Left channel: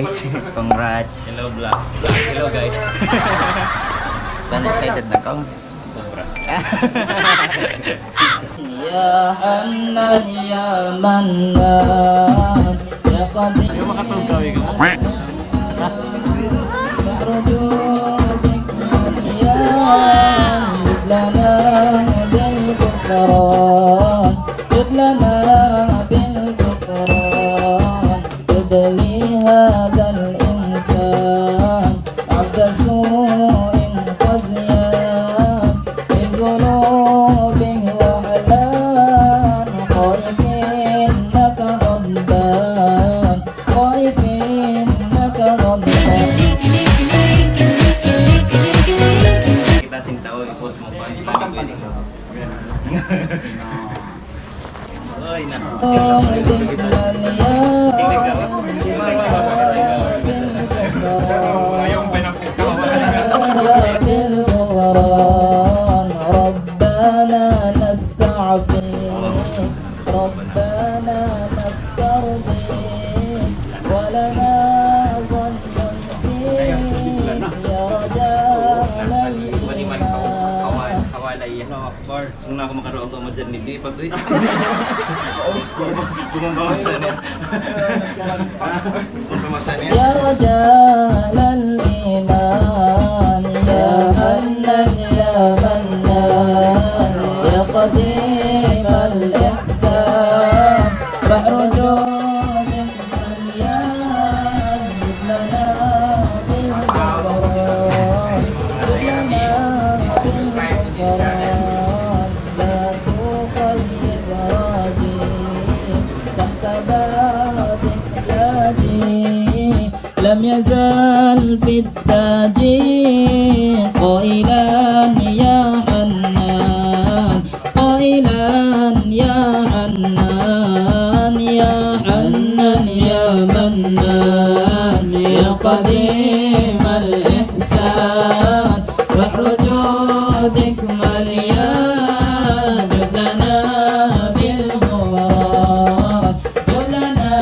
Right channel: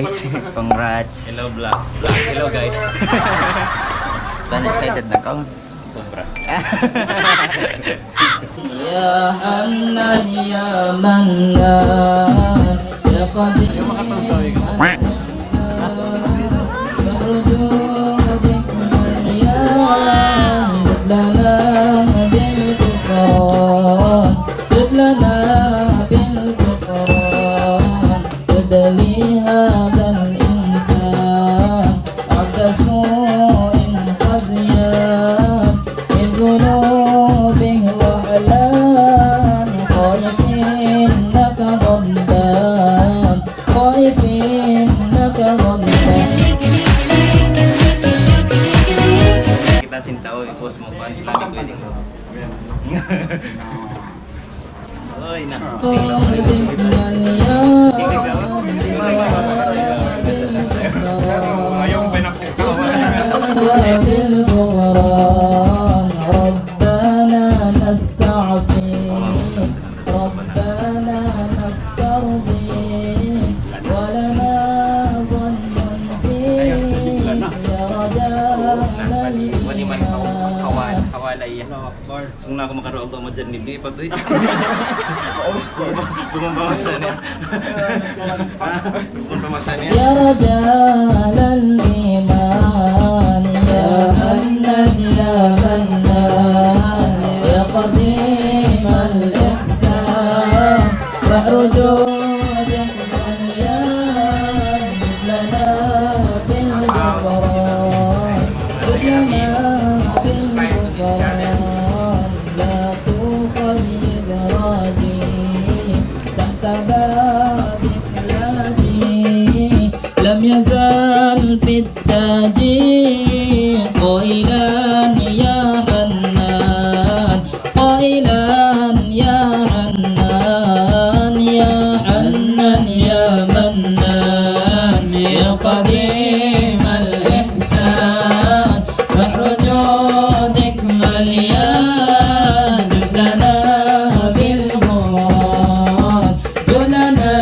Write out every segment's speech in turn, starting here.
guys. Congrats. Hello vlog. Hello guys. Dan excited na ka? Sobra. Ya Hannan ya Mannan. Ayaw makatawag gawin ka mo. Oy na. Ayong hawalay akbar. Kung na ako makaroon ko mo dyan, hindi pa ito eh. Bumambawasan niya. Bumambawasan niya. Ya Rajalal Iman, Ya Hannan ya Mannan, Ya Qadimal Ihsan, Fa'ruju لم يزال في التاج قائلا يا حنان قائلا يا حنان يا حنان يا منان يا قديم الإحسان بحر جودك مليان لنا بالغفران لنا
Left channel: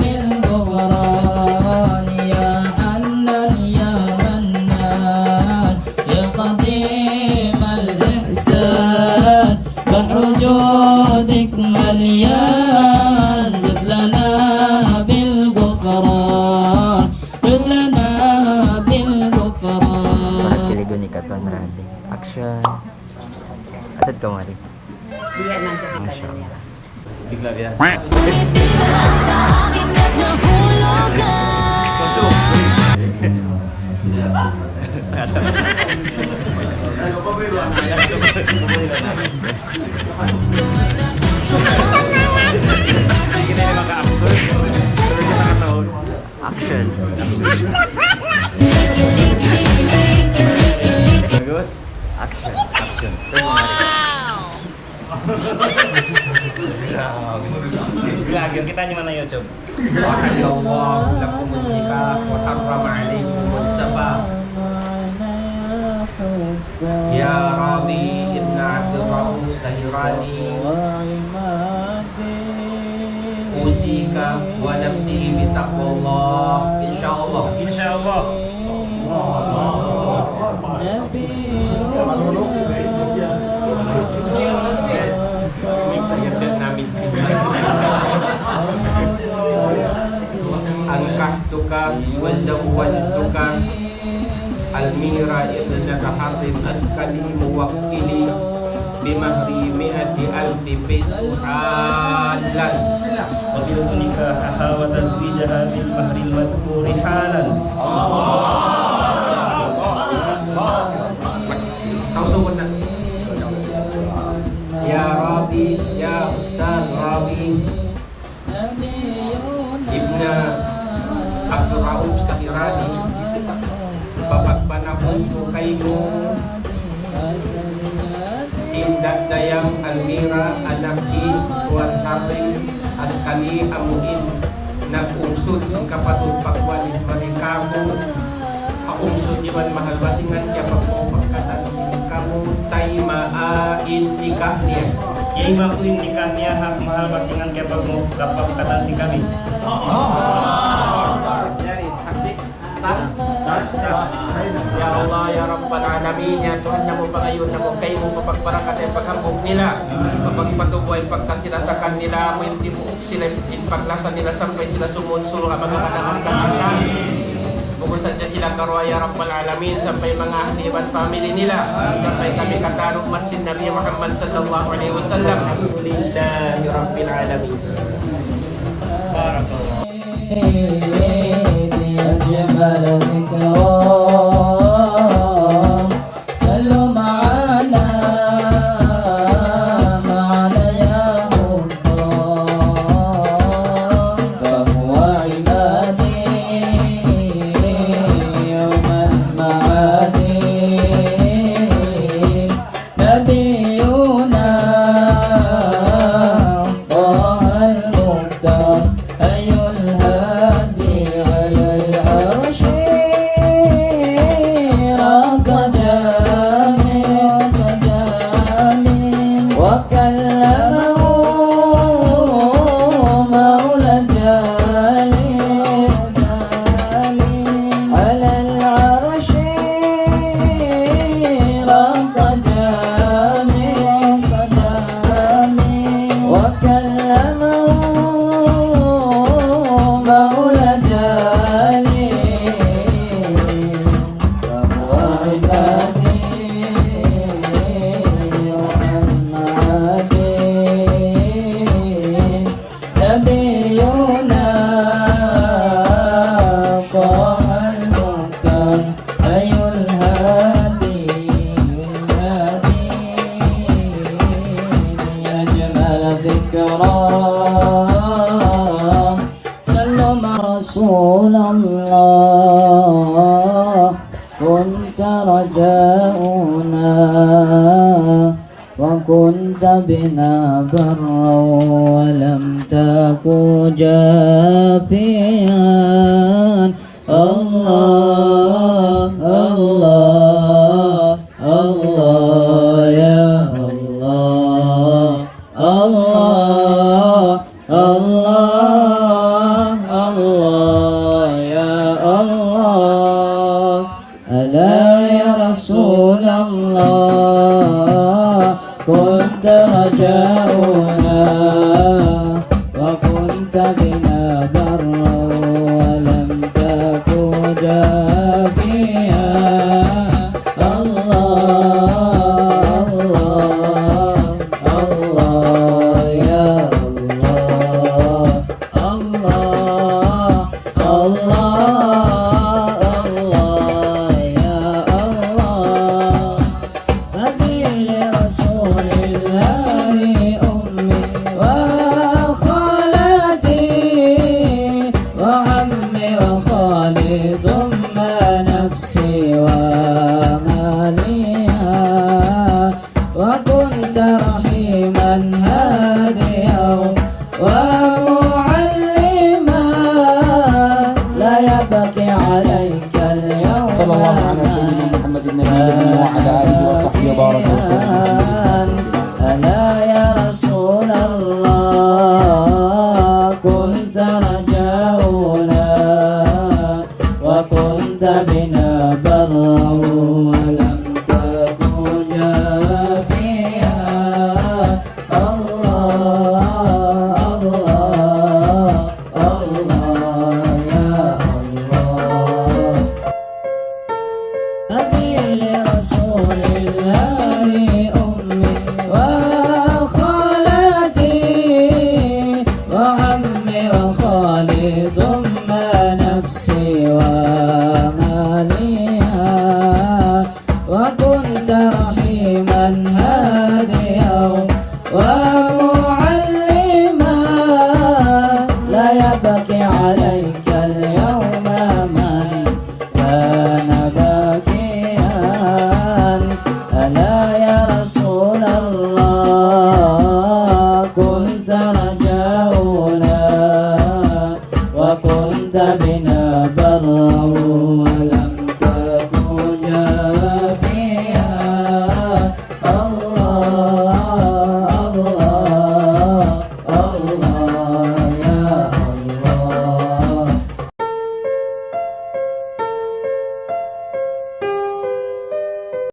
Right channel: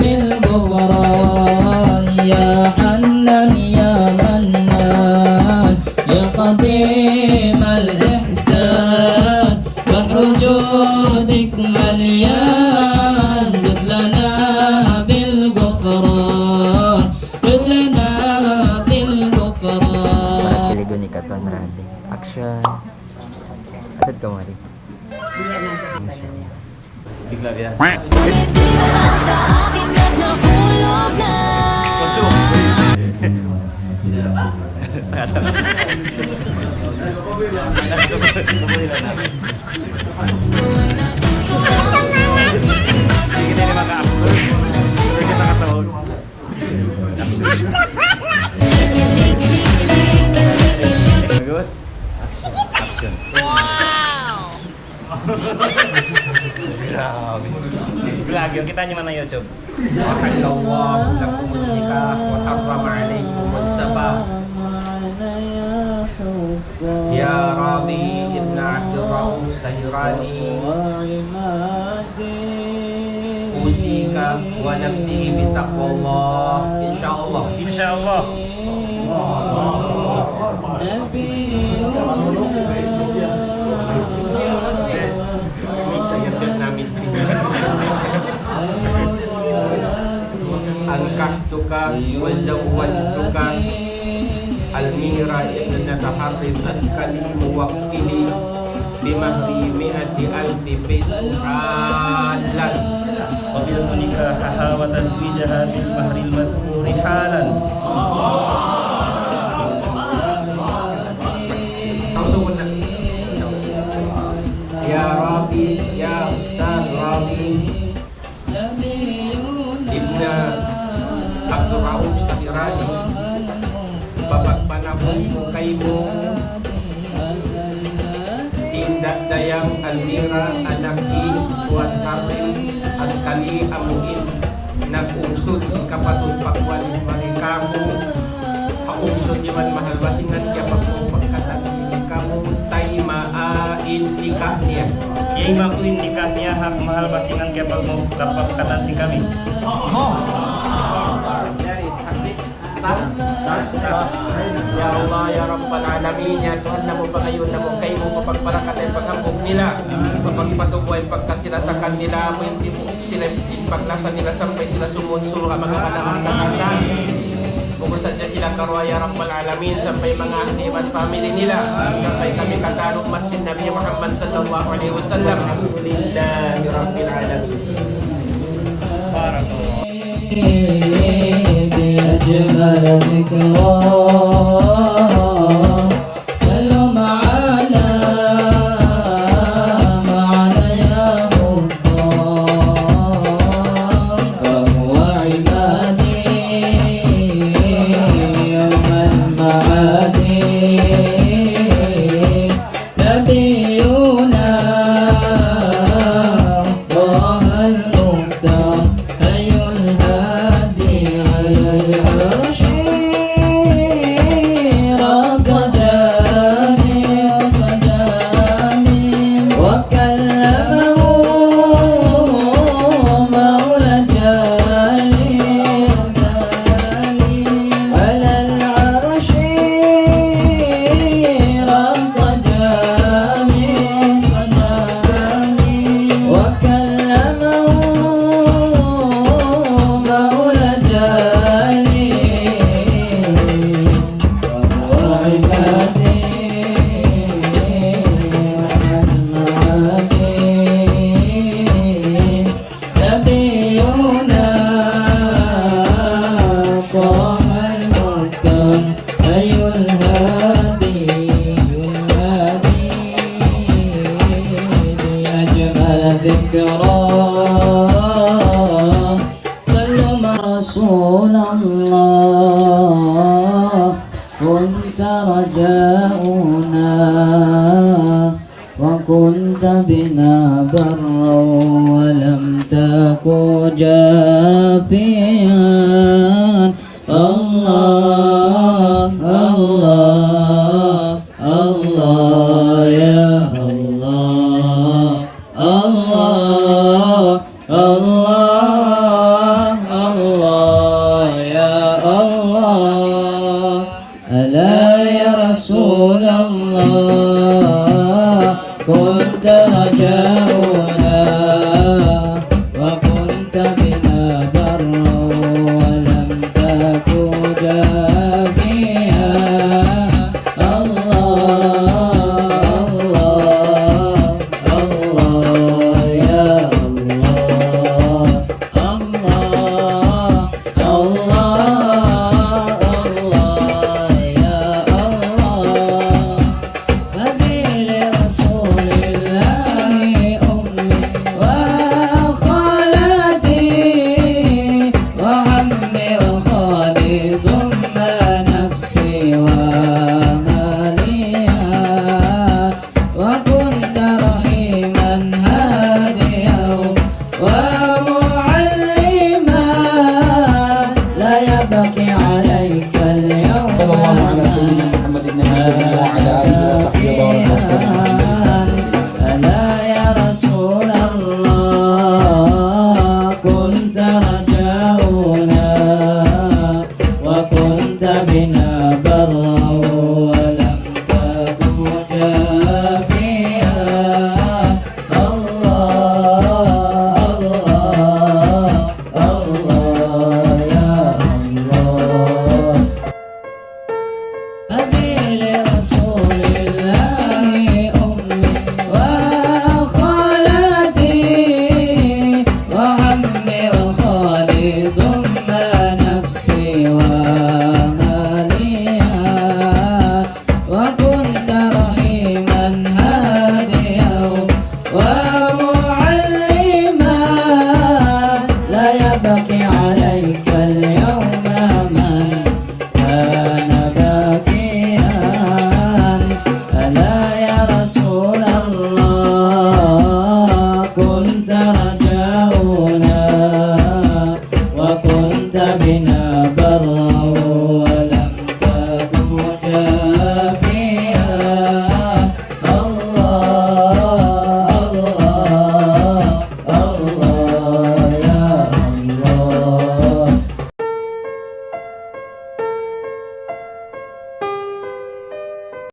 بالغفران يا حنان يا منان يا قديم الإحسان بحر جودك مليان لنا بالغفران لنا بالغفران. Para kiligo ni Katon Rade. Action. Atad ka mari. Bigla yan. Pasok. Sige na yung maka-actor. Pero kita katawag. Bagus. Action. Vlog yun. Kita nyo man na YouTube. وأحل الله لكم النكاح وحرم عليكم السفه يا راضي ابن عبد الرؤوف سهراني أوصيك ونفسي بتقوى الله إن شاء الله. Insyaallah. namin. أنكحتك وزوجتك الميرا ابنة حرب أسكلي موكلي بمهر 100,000 بيسو حالا. قبلت نكاحها وتزويجها بالمهر المذكور حالا. Ya Rabi, ya Ustaz Rabi Ibna Abdul Rauf Sahirani, papagpanahon ko kayo Indak Dayang Almira Anaki Tuan Harim Askali Amuin nag-ungsod sa kapatid pagwalit marikamu haungsod yaman mahal basingan kaya pagpapagkatan kamu tay maain nikah niya. Yay makuin nikah niya hak mahal basingan kaya pag mo kapag katan si kami. Sah? Ya Allah, ya Rabbal Alamin, ya Tuhan namo pangayon namo kay mo mapagparakat ang paghambog nila, mapagpatubo ang pagkasirasakan nila, mo yung tibuok sila, yung paglasa nila sampai sila sumunsulo ang mga kadang-kadang. Bukod sa sila karuha ya Rabbal Alamin, sampai mga ahliman family nila, sampai kami katanong matsin Nabi Muhammad sallallahu alaihi wasallam. Alhamdulillahi Rabbil Alamin. Barakallah. أجمل ذكرى صلوا معنا يا مختار فهو عبادي يوم المعادي نبينا طه المختار أي الهادي على العرش رق جامي وكلمه مولى جالي على العرش رق جامي وكلمه مولى جالي وهو عبادي ومعادي نبينا طه المختار أي الهادي بأجمل ذكرى سلم رسول الله كنت رجاؤنا وكنت بنا برا ولم تك جافيا الله الله الله يا الله الله الله الله يا الله ألا يا رسول الله كنت رجاؤنا وكنت بنا برا ولم تك جافيا الله الله الله يا الله الله الله الله يا الله أبي لرسول الله أمي وخالتي وعمي وخالي ثم نفسي وماليها وكنت رحيما هاديا ومعلما لا يبكي عليك اليوم صلى الله على سيدنا محمد النبي وعلى آله وصحبه وبارك وسلم. ألا يا رسول الله كنت رجاؤنا وكنت بنا برا ولم تكن جافيا الله الله الله يا الله أبي لرسول الله أمي وخالتي وعمي وخالي ثم نفسي وماليها وكنت رحيما هاديا ومعلما لا يبكي عليك اليوم من كان باكيا ألا يا رسول الله كنت رجاؤنا